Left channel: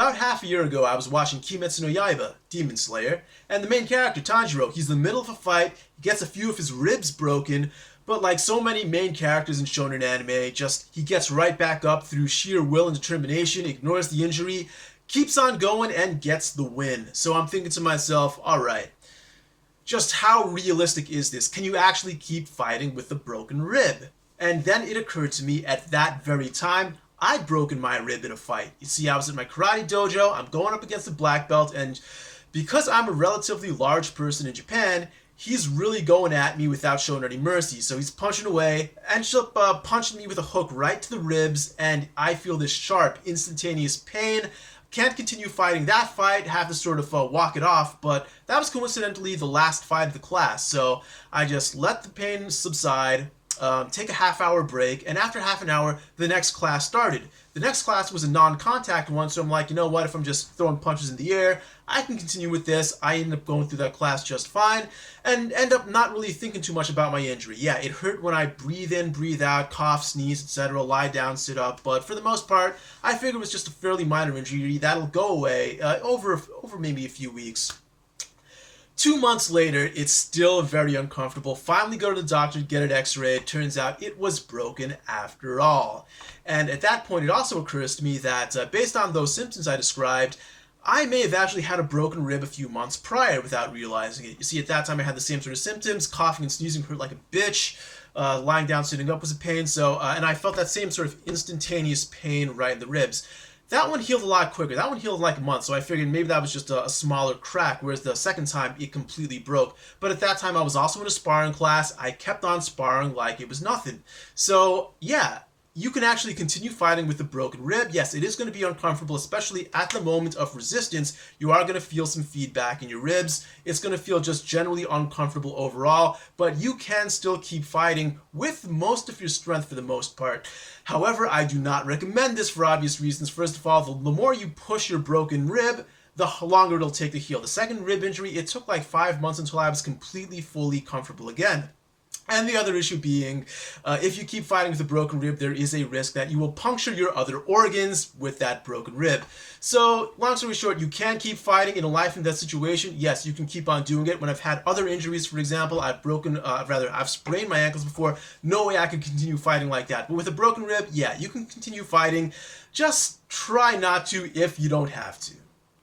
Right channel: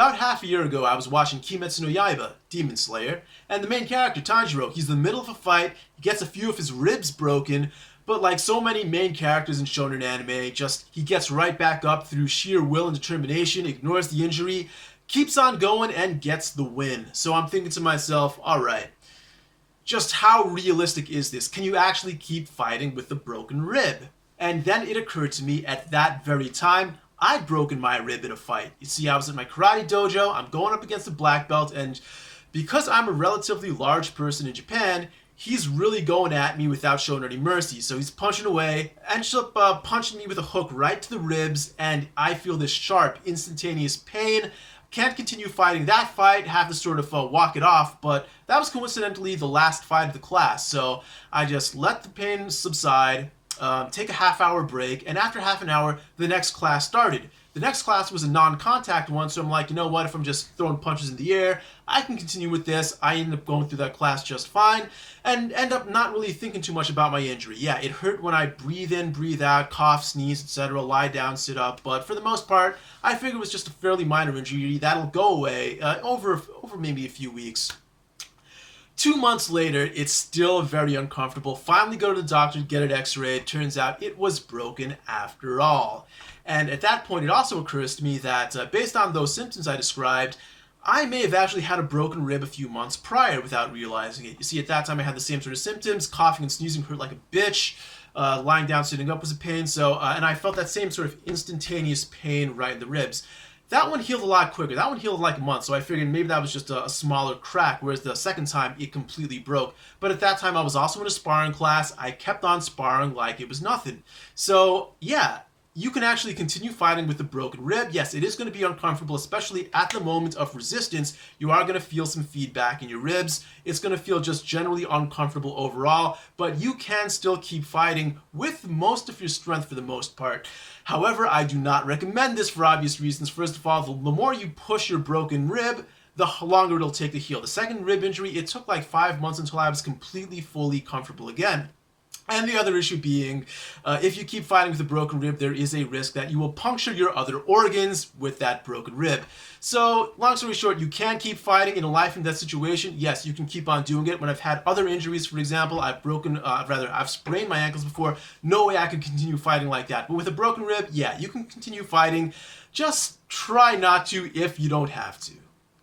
About half a year ago, I was watching Kimetsu no Yaiba, Demon Slayer, and the main character, Tanjiro, he's in the middle of a fight, he gets a few of his ribs broken, but like so many main characters in shonen anime, he gets right back up through sheer will and determination, ignores the injury, keeps on going, and gets the win. So I'm thinking to myself, alright, just how realistic is this? Can you actually keep fighting with a broken rib? And then it occurred to me at that very time, I'd broken my rib in a fight. You see, I was at my karate dojo, I'm going up against a black belt, and because I'm a relatively large person in Japan, he's really going at me without showing any mercy. So he's punching away, ends up punching me with a hook right to the ribs, and I feel this sharp, instantaneous pain. Can't continue fighting that fight, have to sort of walk it off, but that was coincidentally the last fight of the class, so I just let the pain subside, take a half-hour break, and after half an hour, the next class started. The next class was a non-contact one, so I'm like, you know what, if I'm just throwing punches in the air, I can continue with this. I ended up going through that class just fine, and end up not really thinking too much about my injury. Yeah, it hurt when I breathe in, breathe out, cough, sneeze, etc., lie down, sit up, but for the most part, I figured it was just a fairly minor injury that'll go away over maybe a few weeks. 2 months later, it's still very uncomfortable. Finally go to the doctor to get it x-rayed. Turns out it was broken after all. And at that point, it also occurs to me that based on those symptoms I described, I may have actually had a broken rib a few months prior without realizing it. You see, at that time I had the same sort of symptoms. Coughing and sneezing hurt like a bitch. Lying down, sitting up was a pain. And I felt that same sort of instantaneous pain right in the ribs. That one healed a lot quicker. That one healed like a month, so I figured maybe that was just a smaller crack, whereas the second time, it completely broke. But at that time, I was also in a sparring class. I kept on sparring like it was nothing. So, yeah, you can actually continue fighting with a broken rib. Yes, it is going to be uncomfortable, especially at the moment of resistance. You are going to feel some feedback in your ribs. It's going to feel just generally uncomfortable overall, but you can still keep fighting with most of your strength for the most part. However, I do not recommend this for obvious reasons. First of all, the more you push your broken rib, the longer it'll take to heal. The second rib injury, it took like 5 months until I was completely, fully comfortable again. And the other issue being, if you keep fighting with a broken rib, there is a risk that you will puncture your other organs with that broken rib. So, long story short, you can keep fighting in a life and death situation. Yes, you can keep on doing it. When I've had other injuries, for example, I've sprained my ankles before. No way I could continue fighting like that. But with a broken rib, yeah, you can continue fighting. Just try not to if you don't have to.